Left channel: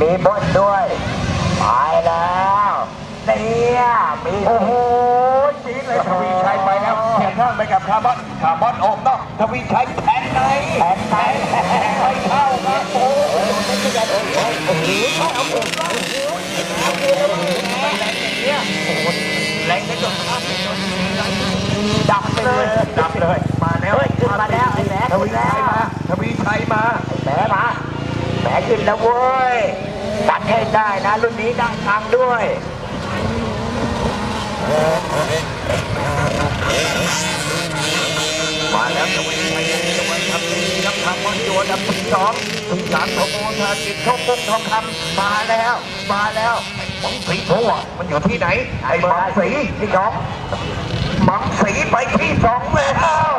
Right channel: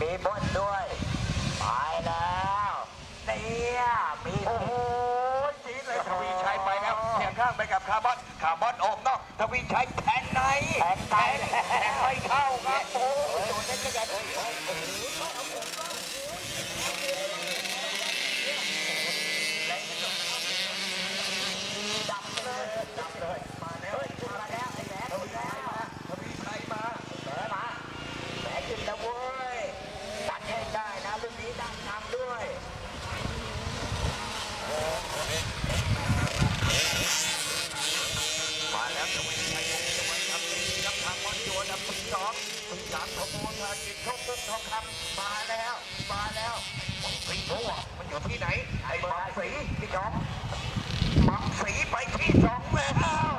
มีบนด้วยไปแล้วเนี่ยมีโอ้โหจีดเลยทวีชัยไปแล้วเขียนข้างไปกับคาร์บอนคาร์บอนโอบนอกทวีชัยแทงในแผ่นไหนไม่เข้าครับโอ้โหโอ้โหเอาเอาเอาแรงได้จนครับดับเลยดับเลยมาแล้วเฮ้ยขึ้นมาแล้วไอ้แหมทวีชัยมาทวีชัยมาแหมมา ขึ้นแล้วเว้ยตัดให้ได้นะรุ่นนี้ได้ตังด้วยมาแล้วทวีชัยยังจะวันทำดีครับคาร์บอนโยนอันดับที่สองถึงสามทองโมธาจิตโชคปุ๊กทองคำมาแล้ว มาแล้วมังสีโพอ่มันอยู่ที่ไหน ไอ้มังสีที่สองมังสีไปที่สองแล้ว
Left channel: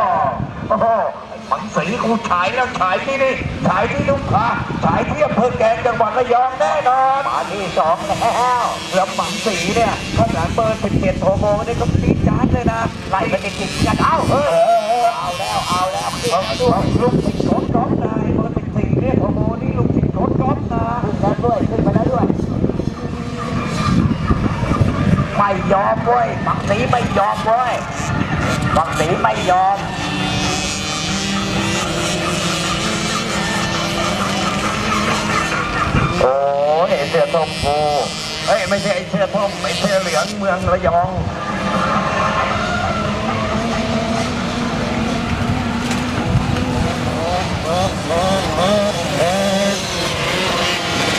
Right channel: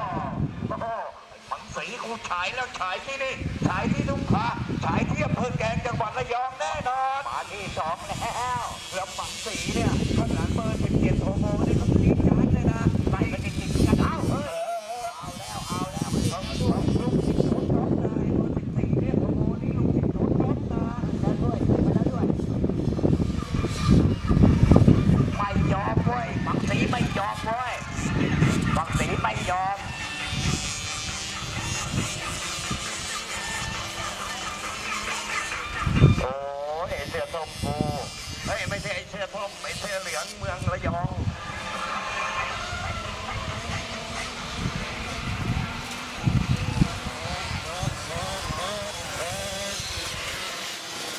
โอ้โหไอ้ มังสีกูฉายแล้วฉายที่นี่ฉายที่ลุงพาฉายที่อำเภอแกลงจังหวัดระยองแน่นอนมาที่สองแล้วแล้วมังสีเนี่ยข้างหลังเบอร์สิบเจ็ดโทโมนี่ก็ตีจานเลยนะไล่ไปติดติดๆกันเอ้าเฮ้ยเอาแล้วเอาแล้วขึ้นเอาแล้วด้ด้ววยยลูกสิงโตก๊อฟนายเบอร์สิบสี่เนี่ยโทโมนี่ลูกสิงโตก๊อฟนาขึ้นแล้วด้วยขึ้นไปแล้วด้วยไม่ยอมเว้ยบักสีไม่ยอมเว้ยบักสีไม่ยอม สื้อส้มกูเอ้ยไม่ใช่ไอ้เสื้อส้มไอ้เสื้อเหลืองเมืองระยอง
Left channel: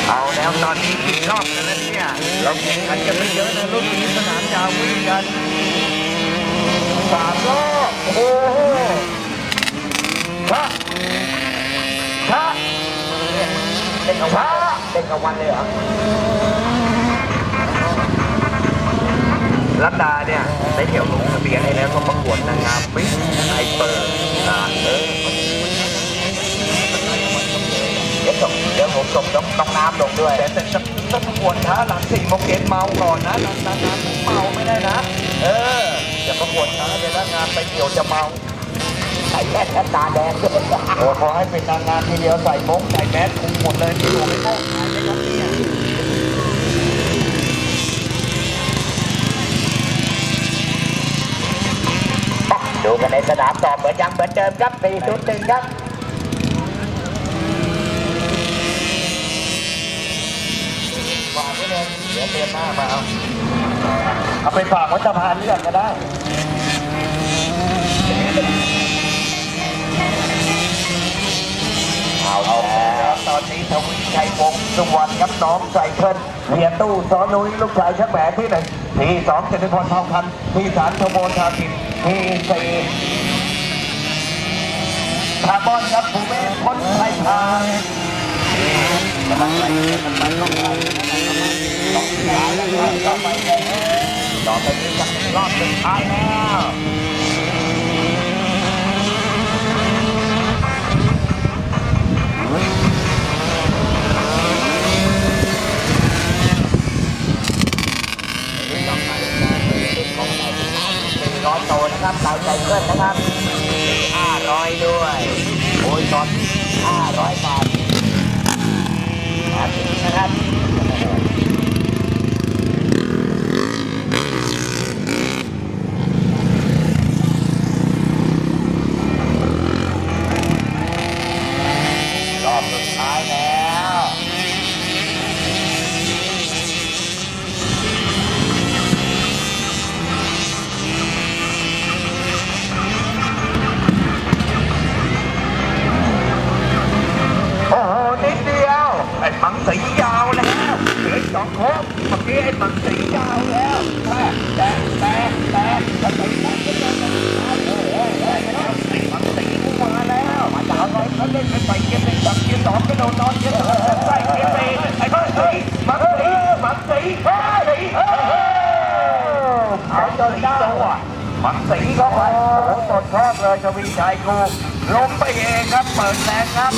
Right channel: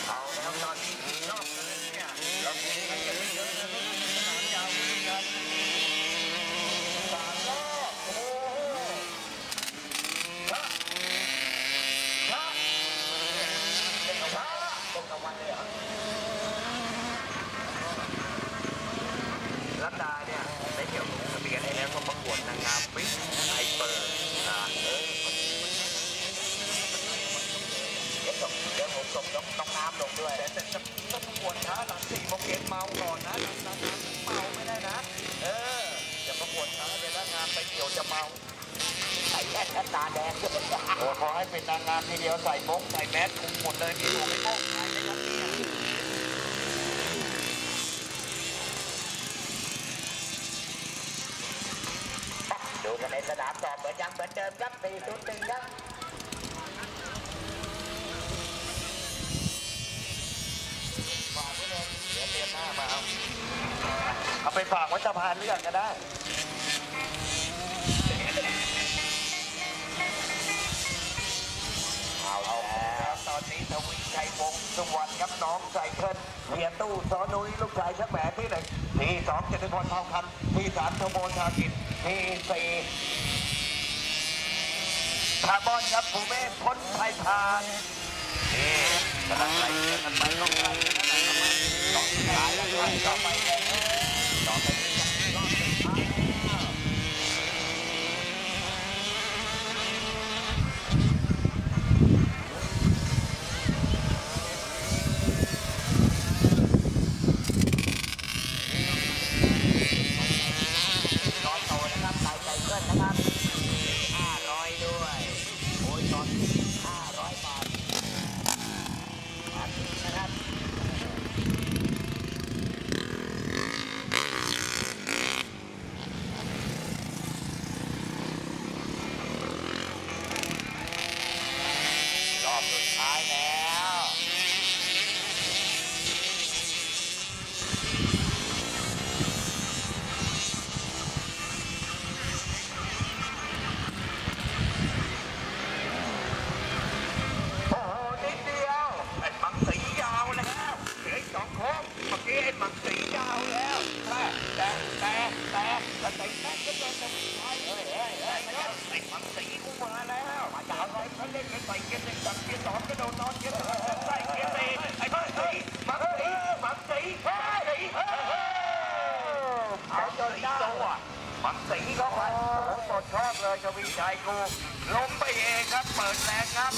เอาแล้วตอนนี้กี่รอบแล้วเนี่ยเราแข่งขันกันไม่เยอะนะรุ่นนี้สนามยาววิ่งกันสามรอบโอ้โหชะชะ เด็กเอา วันเด็กเอาวันเลยเหรอรัตดาเนี่ยได้เที่ยวลงทะเบียนให้แล้วก็ประกวดนางงามมิสไอเปิดงานเออเดี๋ยวส่งเดี๋ยวผมส่งน้องน้องน้ำลงด้วยแต่แต่จะต้องประกวดช้าหลังสี่โมงเย็นเมาก่อนนะนานานานเมาไม่ได้นะ เอออย่าประกวดช้าเดี๋ยวถ้างานไปเกี่ยวจะเมาใส่แว่นและตาแดงด้วยโอ้ขอให้เป็นนางงามทีเดียวใส่มงใส่แมสคุมหมดเลยที่อยู่ไม่โม้ ดูกันในสนามต่อเหมือนยังเหมือนเดิมครับ401ครับฝากไว้เลยเดี๋ยวเดือนหน้ามาเอาเอาไปฝากวัดสะพานเลือกก็ได้เอาเอาแล้วแล้วต อนนี้ทวีชัยวงศ์สุวรรณครับน้องใส่เพิ่นเฮียตู้สอนุ้ยลูกชายช่างแหมที่หนึ่งที่สองเจริญพรทองคำที่สามโทโมทากินที่สี่คาร์บอนครับภูเมศพ้นไทยทางกำลังไล่กันไปต้องไปต้อไปต่อไปเลยต่อไปนี้จะเป็นรอบสุดท้ายแล้ว ร้อยโต นะครับสาใจเพื่อนนะครับห้าร้อยด้วย โอ้ยตอนห้าร้อยบาทนะครับ สองโค้งเมื่อกี้ไอ้มังสียาวแล้วแต่แต่แต่แต่แต่แต่แต่แต่ไอ้มังสีกูมาแล้วมาจากอะไรเขาเล่นไปใส่เกียร์หนึ่งจับเกียร์สองกระโดดนอนเกียร์สามใส่เกียร์สี่ไอ้มังสีมังสีมังสีมังสีเขาจะได้ตัวมังสีก็ไปโอ้โหตดชอบเลยชวีชัยกูล้มไปเองครับเปิดแรงครับ